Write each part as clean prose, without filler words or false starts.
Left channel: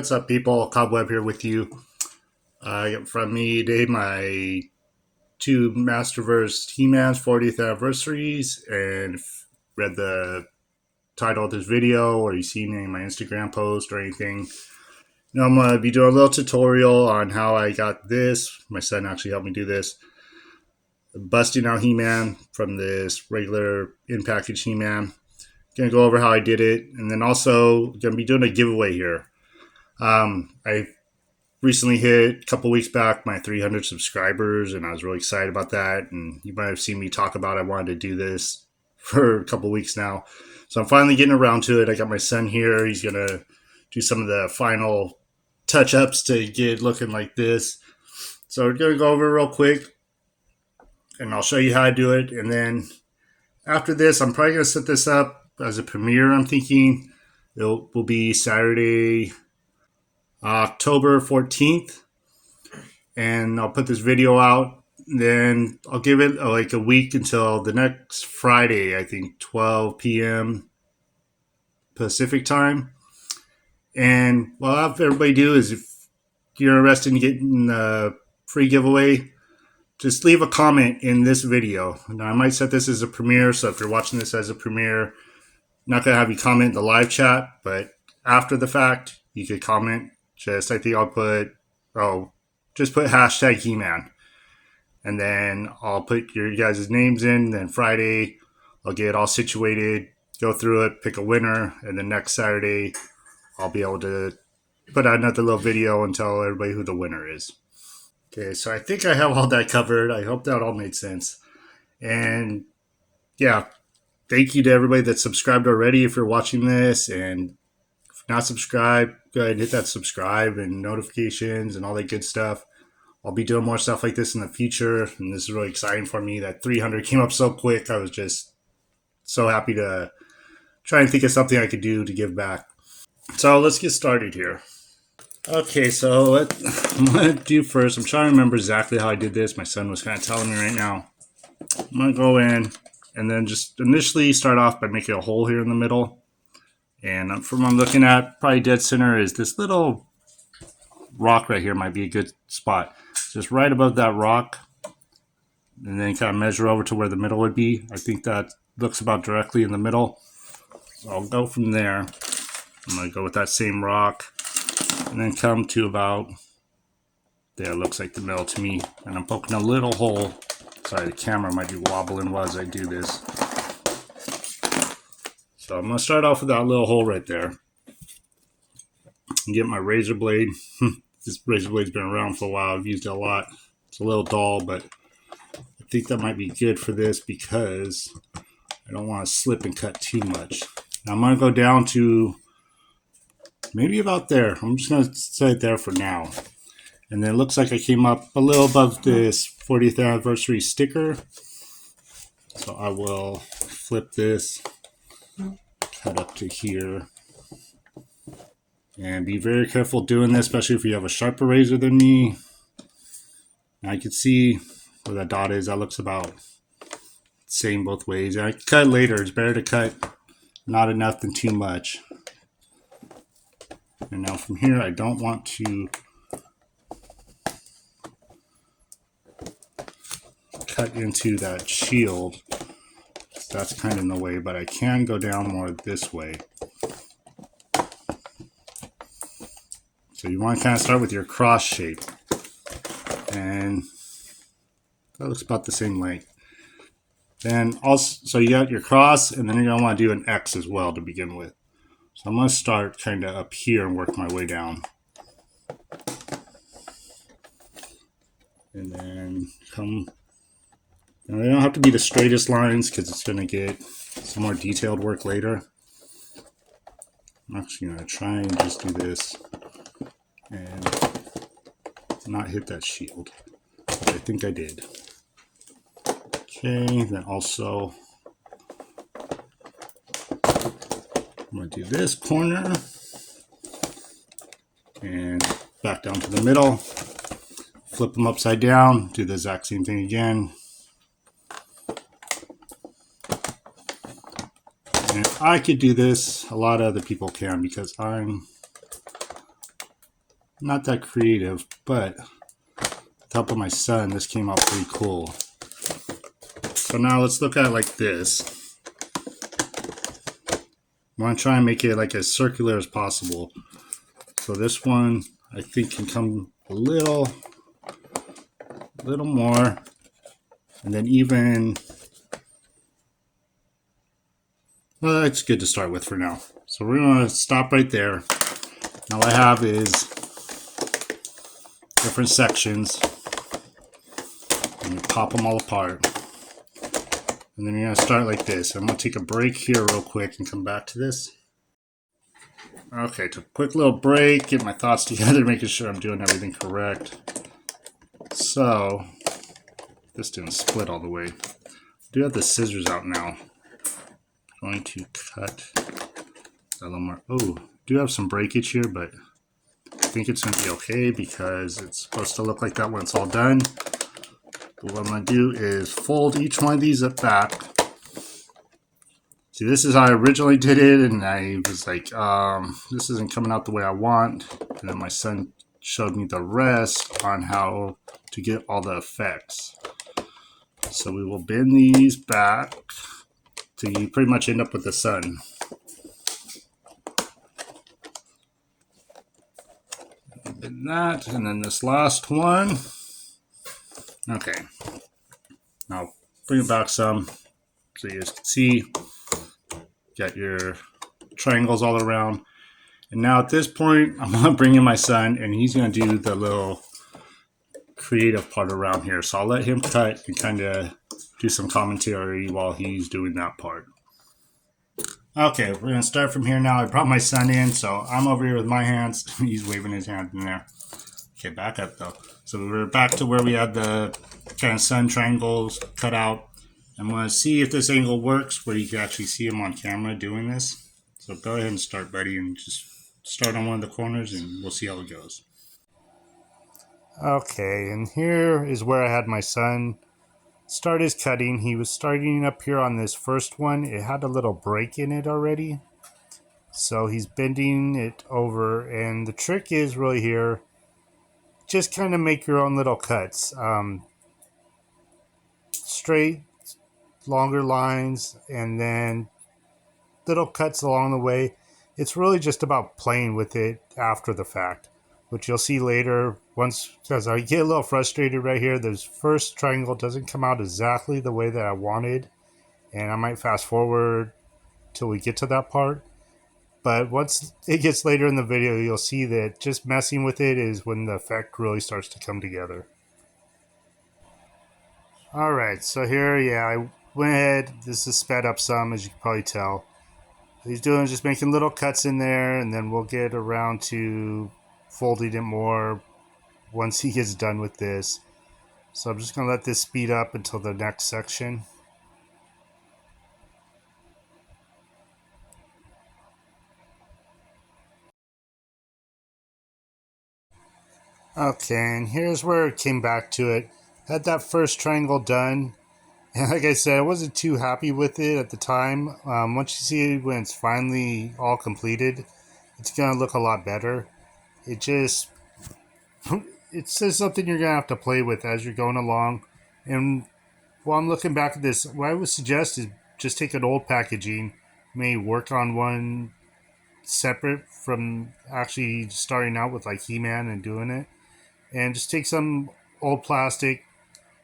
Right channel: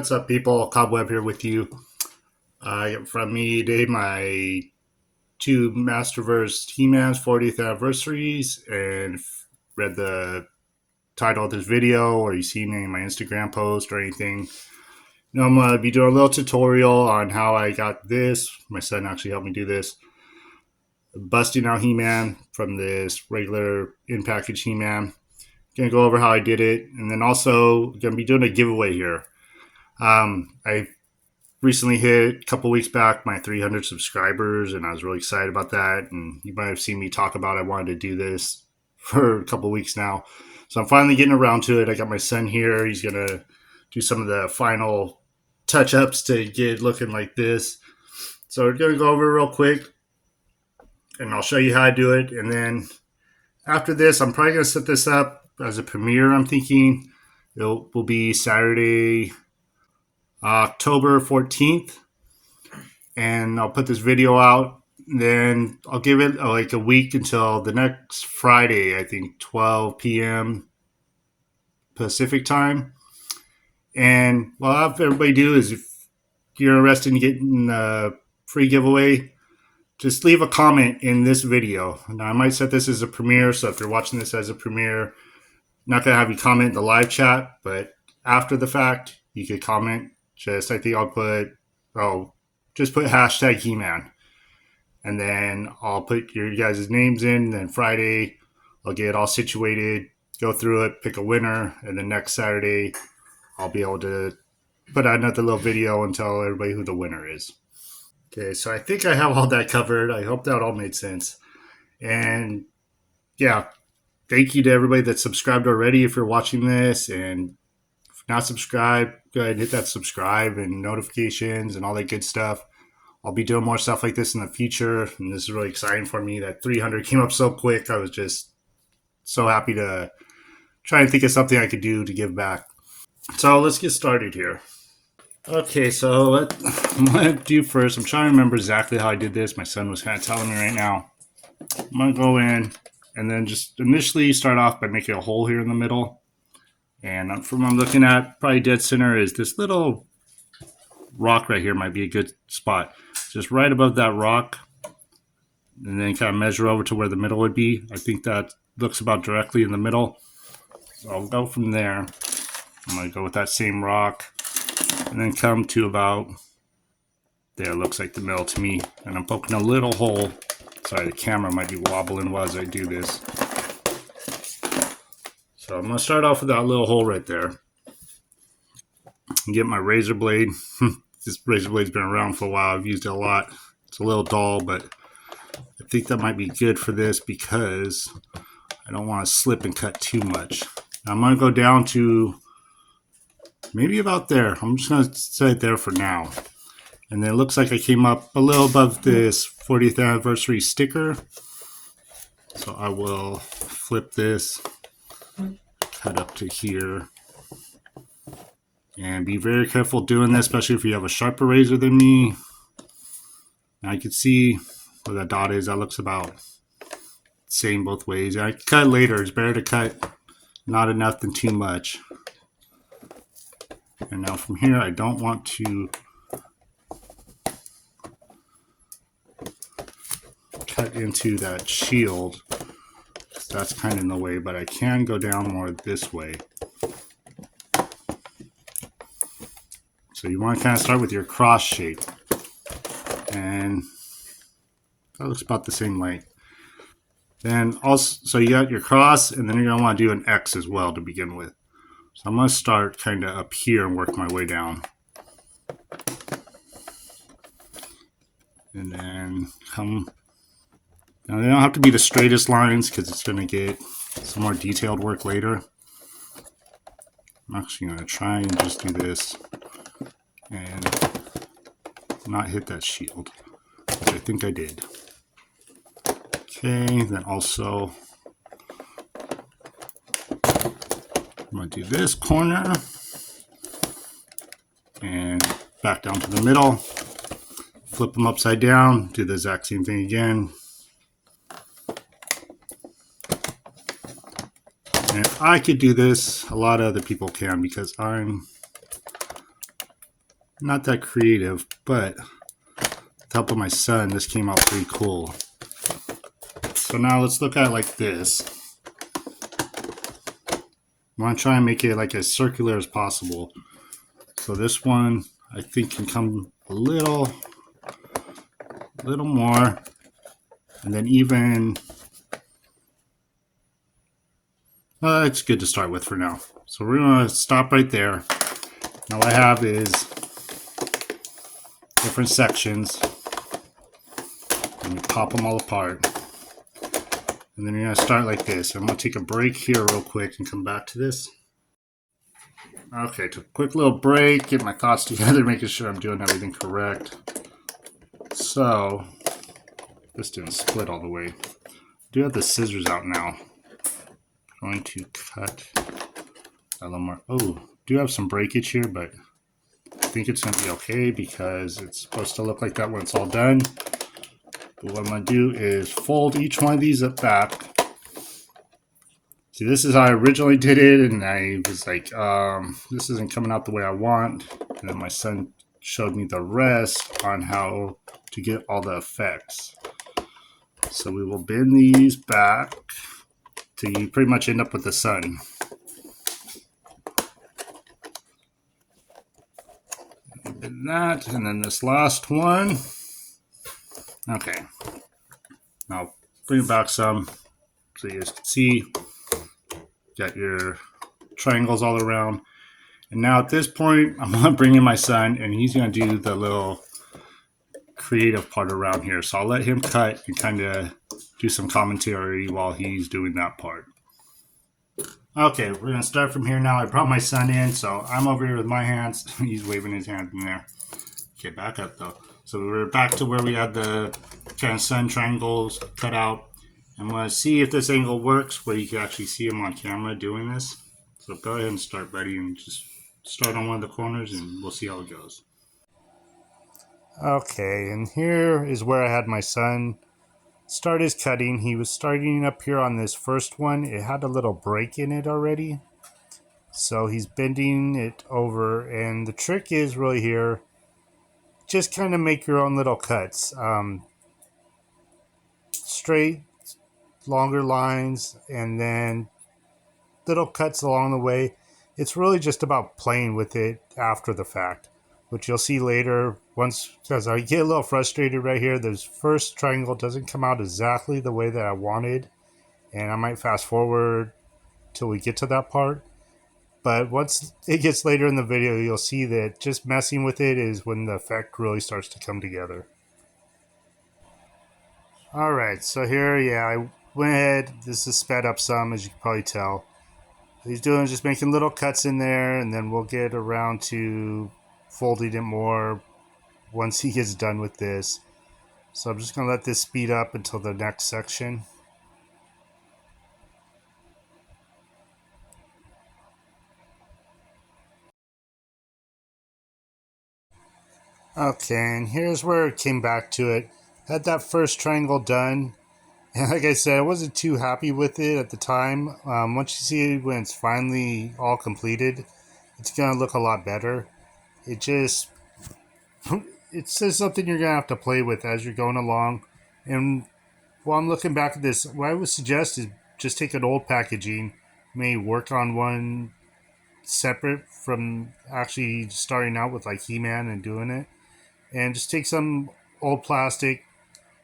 What's up, people? Cobweb here with you. From me today, my two Masterverse He-Man's 40th anniversaries, and read the title of this video, or you seen any of my Instagram post or anything. Now I'm gonna be doing a little tutorial on how I got this. My son actually helped me do this. Busting out He-Man from this regular in-package He-Man. Gonna go over how I did it, and then also gonna be doing a giveaway here. I recently hit a couple weeks back my 300 subscribers, and I was really excited about that. And you might have seen me talk about I wanted to do this for a couple weeks now, so I'm finally getting around to it. I got my son here. He's gonna do some of the final touch-ups to get it looking like this. So we're gonna go over it real quick, and I'll show you how I do it. And then after this, I'm probably gonna set this up as a premiere. I'm thinking it will be Saturday, October 14th, and I'll put this video out. Then I'll give it like a week until the next Friday, I think 12 p.m. Pacific time. And what I'll have everybody do is, if you're interested in getting a free giveaway, just leave a comment in this video. Now, I might set this as a premiere, so if you're watching this as a premiere, I'm not going to have you comment in the live chat, but after the fact, you could comment. I think I'll put, just put hashtag He-Man. And then I'll put your guys' names in. Then Friday, I'll get it all situated, go through it, pick a winner. And then next Saturday, I'll be able to put out another little video and tell everybody who the winner is. Okay, so I think I have all that covered. I hope that all made sense. And yeah, thank you to everybody that's subscribed already if you're watching this. And if not subscribed, go ahead and hit that subscribe and notifications and all that good stuff. I'll be doing more stuff like this in the future, and this is really exciting for me. That 300 came up so quick. I was just so happy to try and think of something I could do to give back. So let's get started here. Okay, so what I'm going to do first, I'm trying to remember exactly how I did this. My son was kind of telling me right now. I'm going to go in and then just initially start off by making a hole here in the middle. And from what I'm looking at, probably dead center is this little rock right here. Might be a good spot. Just right above that rock, and then kind of measure over to where the middle would be. I think that looks about directly in the middle. So I'll go from there. I'm going to go with that same rock, and then come to about there. Looks like the middle to me. And I'm poking a little hole. Sorry, the camera might be wobbling while I do this. So I'm going to start off with that little hole right there. And get my razor blade. This razor blade's been around for a while. I've used it a lot. It's a little dull, but I think that might be good for this because I don't want to slip and cut too much. Now I'm going to go down to maybe about there. I'm just going to set it there for now. And then it looks like I came up a little above this 40th anniversary sticker. So I will flip this, cut up to here. And be very careful doing this, especially if you have a sharper razor than me. Now you can see where that dot is. That looks about the same both ways. I cut later. It's better to cut not enough than too much. And now from here, I don't want to cut into that shield. That's kind of in the way, but I can go down more this way. So you want to kind of start with your cross shape. And that looks about the same length. Then also, so you got your cross, and then you're going to want to do an X as well to begin with. So I'm going to start kind of up here and work my way down. And then come. Now they don't have to be the straightest lines because it's going to get some more detailed work later. I'm actually going to try and just do this and not hit that shield, which I think I did. Okay, then also I'm going to do this corner and back down to the middle, flip them upside down, do the exact same thing again. And if I could do this, a lot of other people can because I'm Not that creative, but with the help of my son, this came out pretty cool. So now let's look at it like this. I want to try and make it like as circular as possible. So this one, I think, can come a little more, and then even, well, that's good to start with for now. So we're going to stop right there. Now what I have is different sections, and you pop them all apart. And then you're going to start like this. I'm going to take a break here real quick and come back to this. Okay, took a quick little break, get my thoughts together, making sure I'm doing everything correct. So, this didn't split all the way. I do have the scissors out now. I'm going to cut a little more. Oh, do have some breakage here, but I think it's going to be okay because it's supposed to look like that when it's all done. But what I'm going to do is fold each one of these up back. See, this is how I originally did it, and I was like, this isn't coming out the way I want. And then my son showed me the rest on how to get all the effects. So we will bend these back till you pretty much end up with the sun. Bend that, and then this last one. Okay. Now bring it back some so you guys can see. Got your triangles all around. And now at this point, I'm going to bring in my son, and he's going to do the little creative part around here. So I'll let him cut and kind of do some commentary while he's doing that part. Okay, we're going to start from here now. I brought my son in, so I'm over here with my hands. He's waving his hand in there. Okay, back up though. So we're back to where we had the kind of sun triangles cut out. I'm going to see if this angle works where you can actually see him on camera doing this. So go ahead and start, buddy, and just start on one of the corners and we'll see how it goes. Okay, and here is where I had my son start his cutting. He was starting up here on this first one. It had a little break in it already. So he's bending it over, and the trick is really here, just kind of make your own little cuts. Straight, longer lines, and then little cuts along the way. It's really just about playing with it after the fact, which you'll see later. Once, because I get a little frustrated right here, this first triangle doesn't come out exactly the way that I wanted, and I might fast forward till we get to that part. But once it gets later in the video, you'll see that just messing with it is when the effect really starts to come together. Alright, so here, I went ahead. This is sped up some, as you can probably tell. What he's doing is just making little cuts in there, and then we'll get around to folding it more once he gets done with this. So I'm just going to let this speed up until the next section. Okay, and here's where it came back to it. Had that first triangle done, and like I said, I wasn't too happy with it at the time. Once you see it when it's finally all completed, it's going to look a lot better. It's just something you're going to have to play with as you're going along. And while I'm looking back at this, what I would suggest is just take an old packaging, maybe work on one separate from actually starting out with like He-Man and doing it. And just take some old plastic,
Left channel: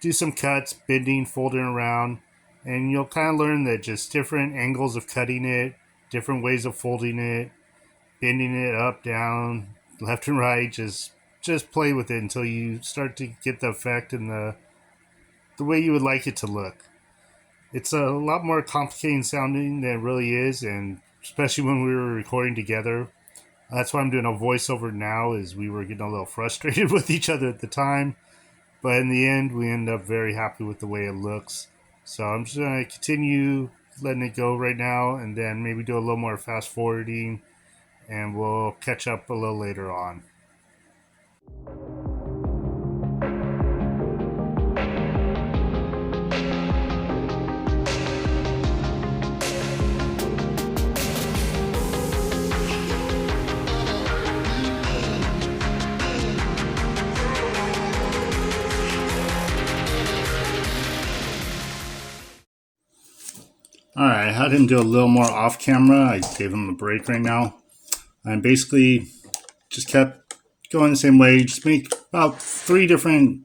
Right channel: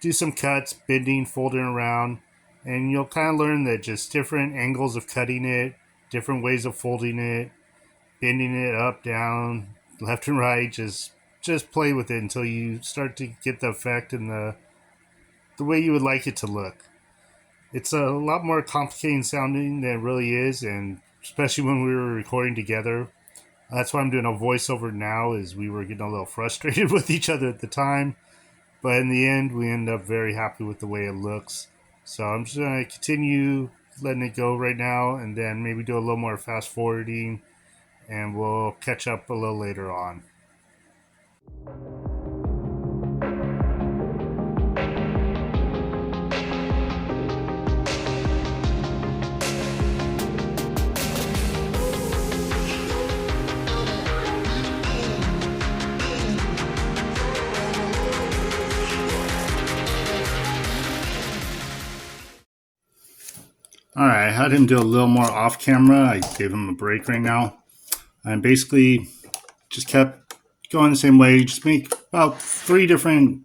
do some cuts, bending, folding around, and you'll kind of learn that just different angles of cutting it, different ways of folding it, bending it up, down, left and right, just play with it until you start to get the effect and the way you would like it to look. It's a lot more complicated sounding than it really is, and especially when we were recording together. That's why I'm doing a voiceover now, is we were getting a little frustrated with each other at the time. But in the end, we end up very happy with the way it looks. So I'm just going to continue letting it go right now, and then maybe do a little more fast forwarding, and we'll catch up a little later on. Alright, I had him do a little more off camera. I gave him a break right now. And basically just kept going the same way. Just make about 3 different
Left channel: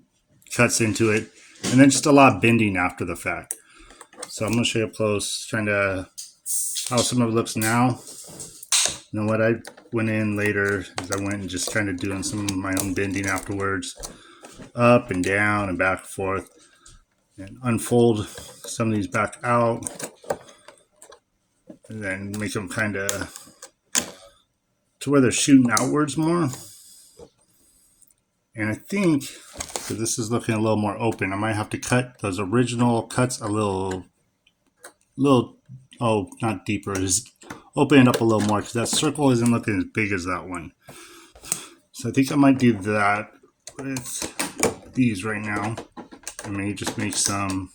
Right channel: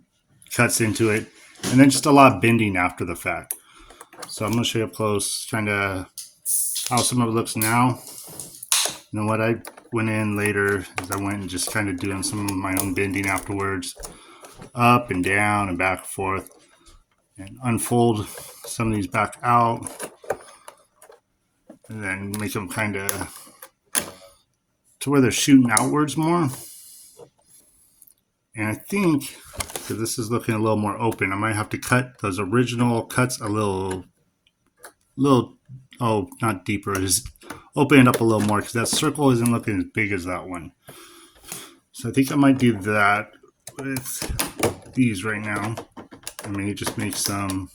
cuts into it. And then just a lot of bending after the fact. So I'm going to show you up close kind of how some of it looks now. You know what, I went in later is I went and just kind of doing some of my own bending afterwards. Up and down and back and forth. And unfold some of these back out. And then make them kind of to where they're shooting outwards more. And I think, because this is looking a little more open, I might have to cut those original cuts a little, oh, not deeper, just open it up a little more, because that circle isn't looking as big as that one. So I think I might do that with these right now. I may just make some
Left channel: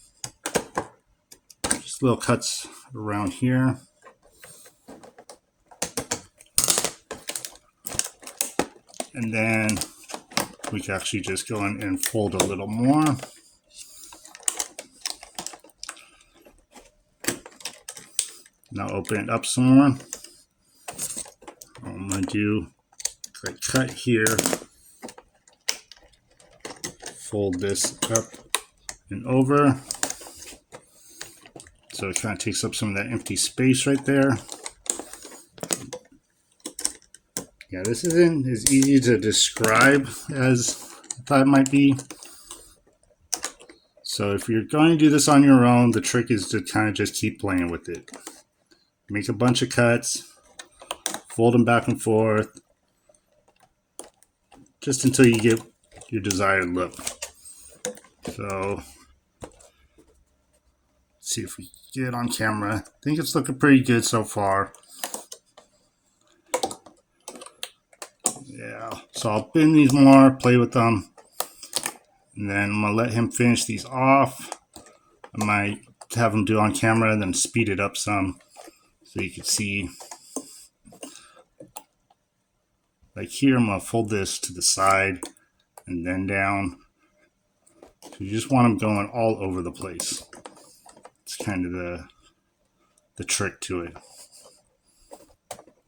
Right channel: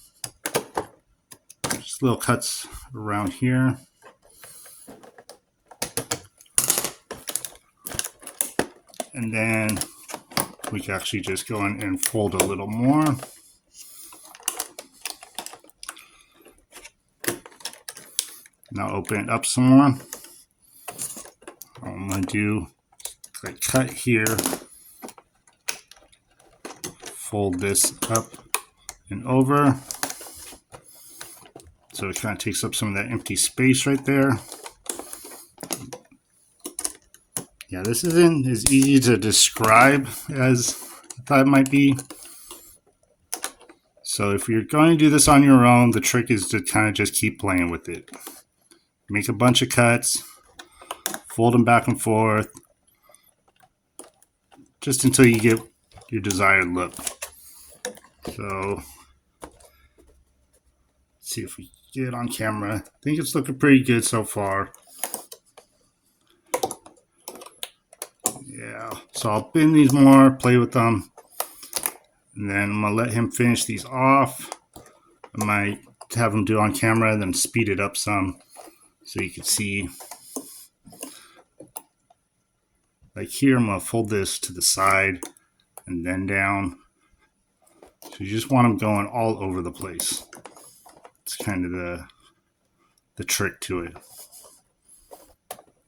just little cuts around here. And then we can actually just go in and fold a little more. Now open it up some more. I'm going to do a cut here. Fold this up and over. So it kind of takes up some of that empty space right there. Yeah, this isn't as easy to describe as I thought it might be. So if you're going to do this on your own, the trick is to kind of just keep playing with it. Make a bunch of cuts, fold them back and forth, just until you get your desired look. So, let's see if we get it on camera. I think it's looking pretty good so far. Yeah, so I'll bend these more, play with them, and then I'm going to let him finish these off. I might have him do on camera, then speed it up some so you can see. Like here, I'm going to fold this to the side and then down. So you just want them going all over the place. It's kind of the trick to it.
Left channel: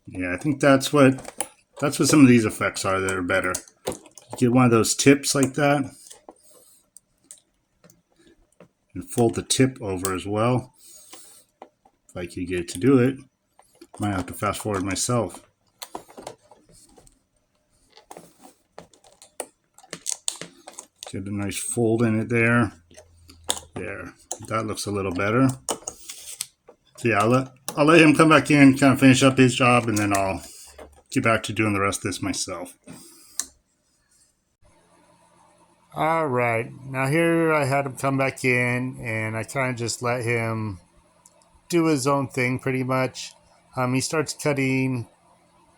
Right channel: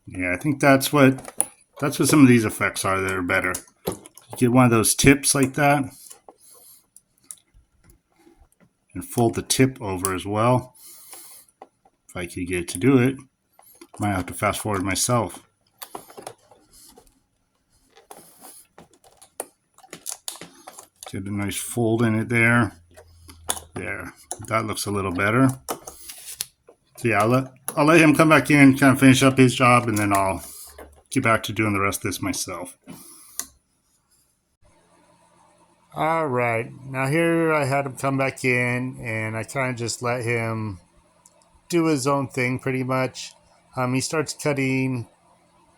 Yeah, I think that's what some of these effects are that are better. You get one of those tips like that and fold the tip over as well. If I could get it to do it, I might have to fast forward myself. Get a nice fold in it there. There, that looks a little better. So yeah, I'll let him come back in, kind of finish up his job, and then I'll get back to doing the rest of this myself. All right, now here I had him come back in, and I kind of just let him do his own thing pretty much. He starts cutting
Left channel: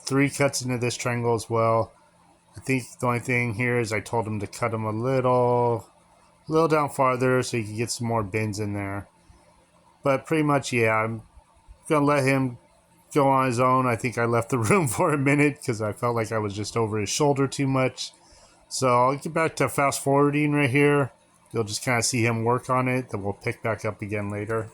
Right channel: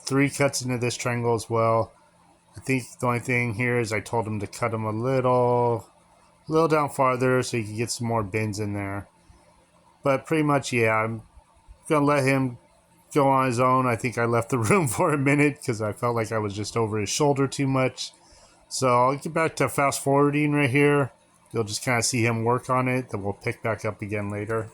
3 cuts into this triangle as well. I think the only thing here is I told him to cut them a little down farther so he can get some more bends in there. But pretty much, yeah, I'm gonna let him go on his own. I think I left the room for a minute because I felt like I was just over his shoulder too much. So I'll get back to fast forwarding right here. You'll just kind of see him work on it. Then we'll pick back up again later.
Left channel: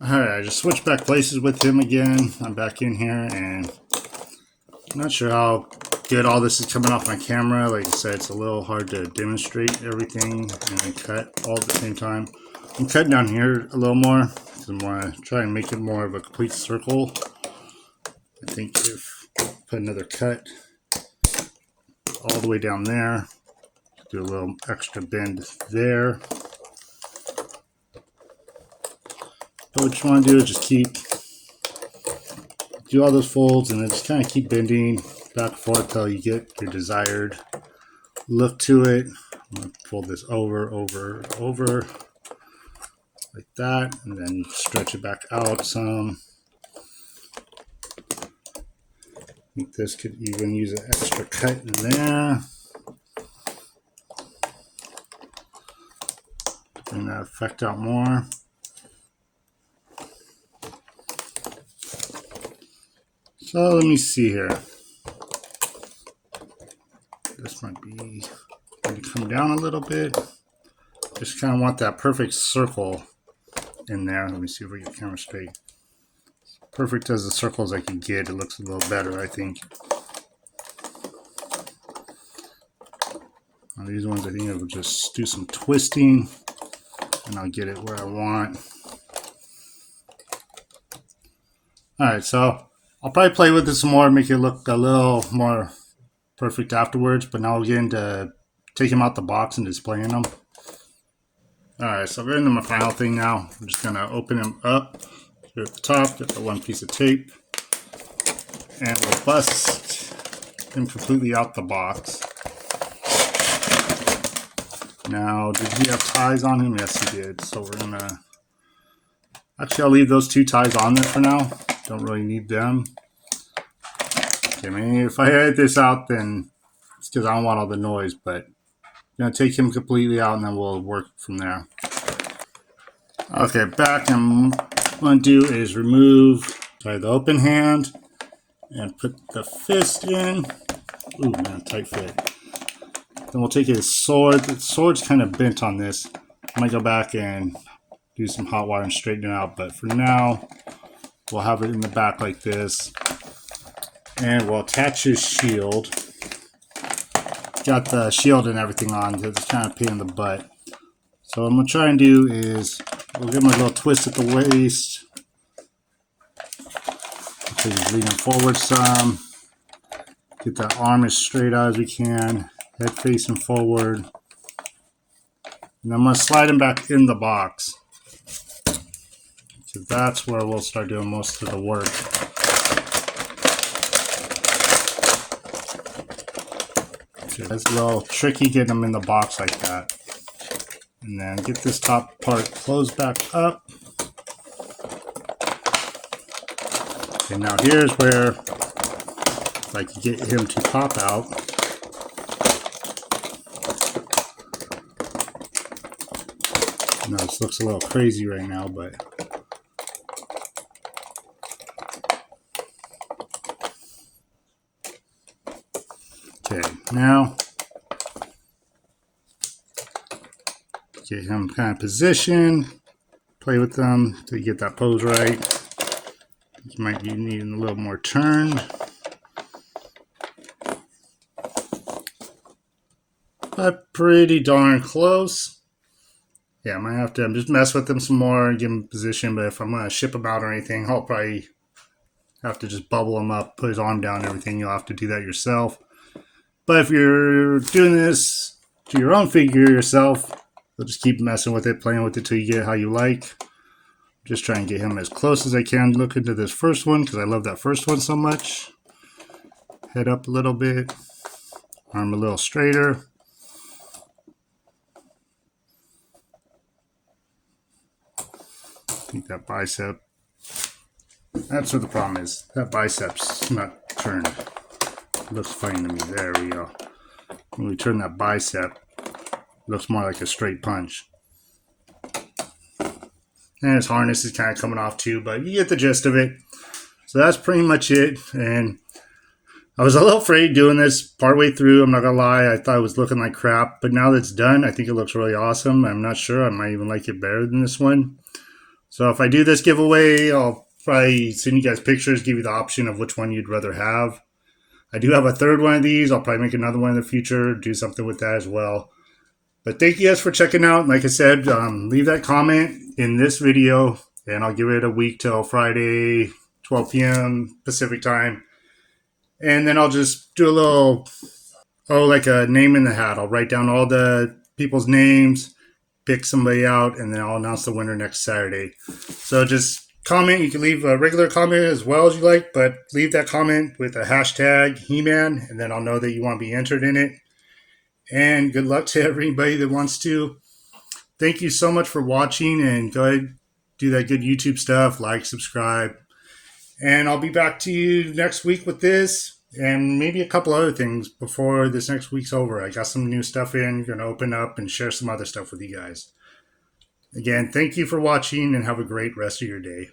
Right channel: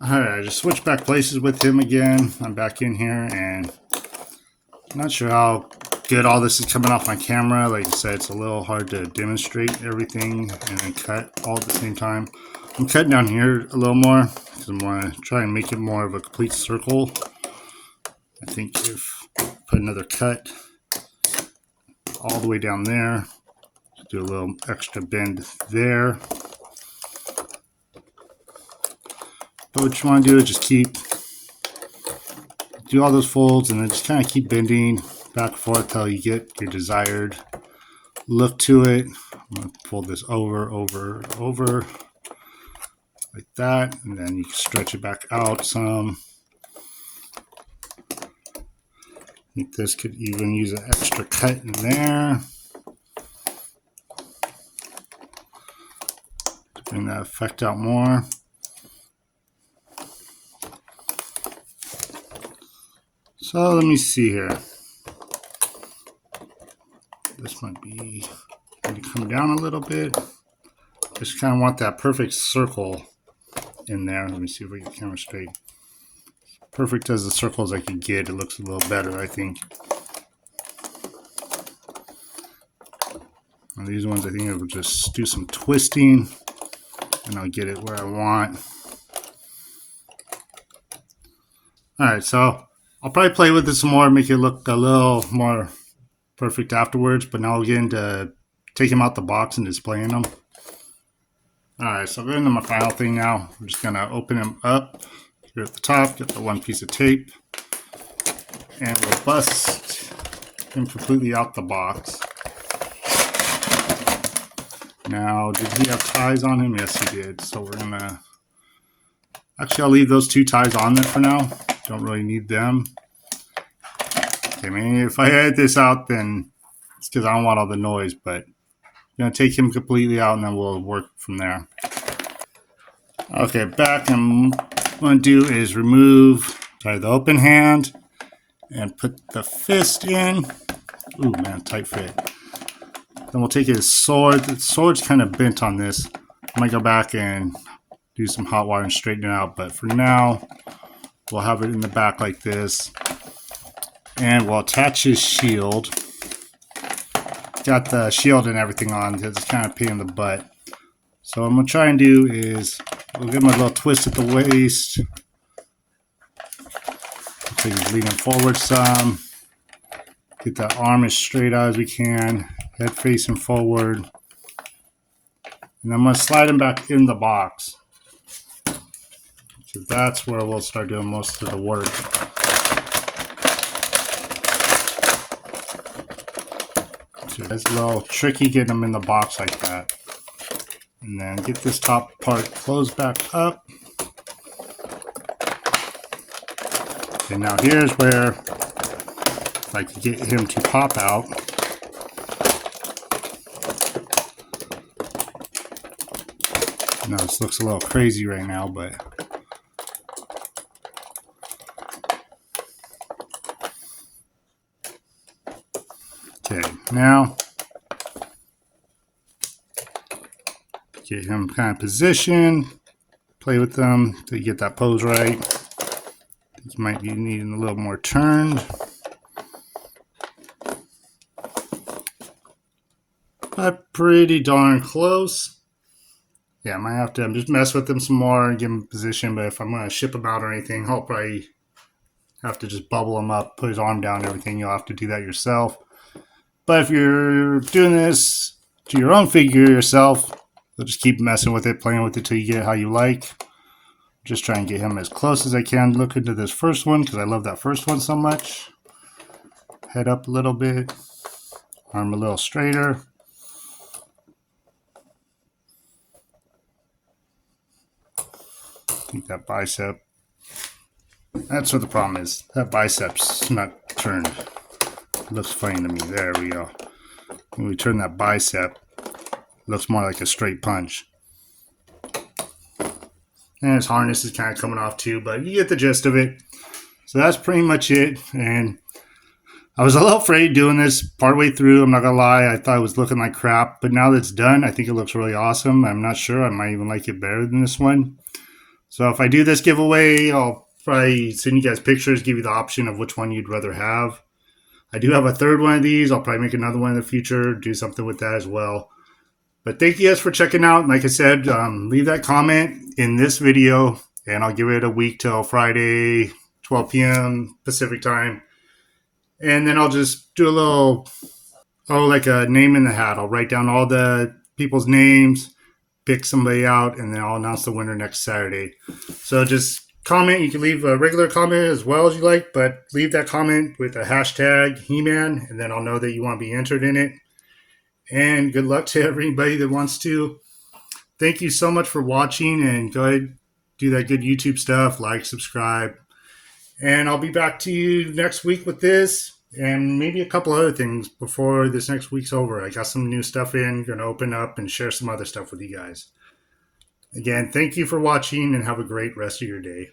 Alright, I just switched back places with him again. I'm back in here, and I'm not sure how good all this is coming off my camera. Like I said, it's a little hard to demonstrate everything and then cut all at the same time. I'm cutting down here a little more because I'm going to try and make it more of a complete circle. I think if I put another cut all the way down there, do a little extra bend there. But what you want to do is just do all those folds and then just kind of keep bending back and forth until you get your desired look to it. I'm going to pull this over, like that, and then you stretch it back out some. I think this could even use an extra cut in there. Bring that effect out more. So let me see here. This might be maybe come down a little bit. Just kind of want that perfect circle in there. Let me see if we get the camera straight. Perfect as the circle as I can get. It looks a little better, I think. Now these ones, I think I will just do some twisting, and I'll get it where I want. All right, so I'll probably play with this some more, make it look a little more perfect afterwards. But now we'll get into taking them out the box and displaying them. All right, so I'm going into my final thing now. I'm just gonna open them up here at the top, get the one piece of tape, and we'll bust him completely out the box. Now, did he have ties on him? Yes, he did. So we're gonna, actually I'll leave those 2 ties on there for now. Don't really need them. Okay, maybe if I edit this out, then it's because I don't want all the noise, but I'm gonna take him completely out and then we'll work from there. Okay, back, and what I'm gonna do is remove the open hand and put the fist in. Ooh, man, tight fit. Then we'll take his sword. The sword's kind of bent on this. I might go back and do some hot water and straighten it out, but for now, we'll have it in the back like this. And we'll attach his shield. Got the shield and everything on. It's kind of a pain in the butt. So what I'm going to try and do is we'll give him a little twist at the waist. So he's leaning forward some. Get that arm as straight out as we can. Head facing forward. And I'm going to slide him back in the box. So that's where we'll start doing most of the work. It's a little tricky getting them in the box like that. And then get this top part closed back up. And now here's where if I could get him to pop out. Now this looks a little crazy right now, but okay, now get him kind of positioned, play with them till you get that pose right. You might be needing a little more turn. But pretty darn close. Yeah, I might have to just mess with them some more and give him position, but if I'm going to ship him out or anything, I'll probably have to just bubble him up, put his arm down and everything. You'll have to do that yourself. But if you're doing this to your own figure yourself, you'll just keep messing with it, playing with it till you get it how you like. Just try and get him as close as I can. Look into this first one because I love that first one so much. Head up a little bit. Arm a little straighter. I think that bicep. That's what the problem is. That bicep's not turned. It looks funny to me. There we go. When we turn that bicep, it looks more like a straight punch. And his harness is kind of coming off too, but you get the gist of it. So that's pretty much it. And I was a little afraid doing this partway through. I'm not going to lie. I thought it was looking like crap. But now that it's done, I think it looks really awesome. I'm not sure. I might even like it better than this one. So if I do this giveaway, I'll probably send you guys pictures, give you the option of which one you'd rather have. I do have a third one of these. I'll probably make another one in the future, do something with that as well. But thank you guys for checking out. Like I said, leave that comment in this video, and I'll give it a week till Friday, 12 p.m. Pacific time. And then I'll just do a little, like a name in the hat. I'll write down all the people's names, pick somebody out, and then I'll announce the winner next Saturday. So just comment. You can leave a regular comment as well as you like, but leave that comment with a hashtag He-Man, and then I'll know that you want to be entered in it. And good luck to everybody that wants to. Thank you so much for watching, and go ahead, do that good YouTube stuff, like, subscribe. And I'll be back to you next week with this and maybe a couple other things before this next week's over. I got some new stuff in, going to open up and share some other stuff with you guys. Again, thank you for watching and have a great rest of your day.